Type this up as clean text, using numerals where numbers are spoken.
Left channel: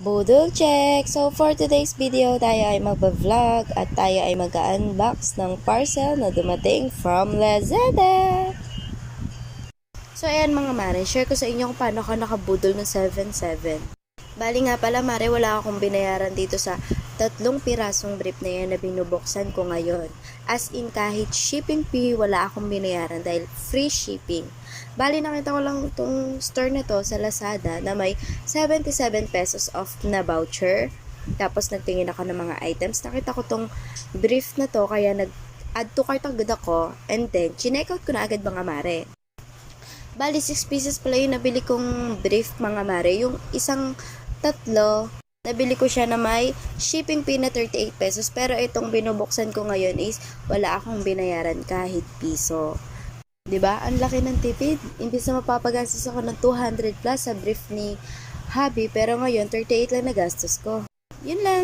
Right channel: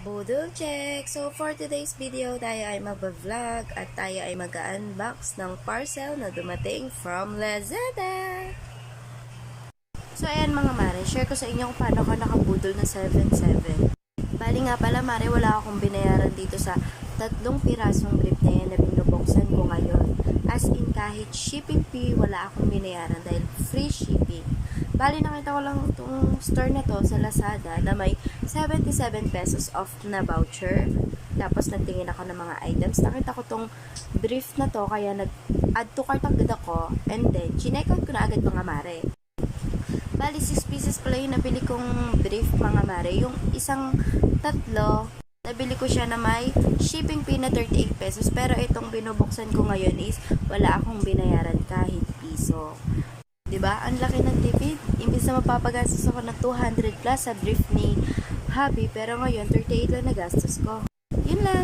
Budol check! So for today's video, tayo ay magba-vlog at tayo ay mag-unbox ng parcel na dumating from Lazada. So ayan mga mare, share ko sa inyo kung paano ka nakabudol ng 7.7. Bali nga pala mare, wala akong binayaran dito sa 3 pirasong brief na yan na binubuksan ko ngayon. As in kahit shipping fee, wala akong binayaran dahil free shipping. Bali nakita ko lang itong store na to sa Lazada na may 77 pesos off na voucher. Tapos nagtingin ako ng mga items. Nakita ko tong brief na to kaya nag-add to cart agad ako. And then, chinek out ko na agad mga mare. Bali, 6 pieces pala yung nabili kong brief mga mare. Yung isang tatlo, nabili ko siya na may shipping fee na 38 pesos. Pero itong binubuksan ko ngayon is wala akong binayaran kahit piso. 'Di ba? Ang laki ng tipid. Imbis na mapapagastos ako ng 200 plus sa brief ni Happy, pero ngayon 38 lang nagastos ko. Yun lang.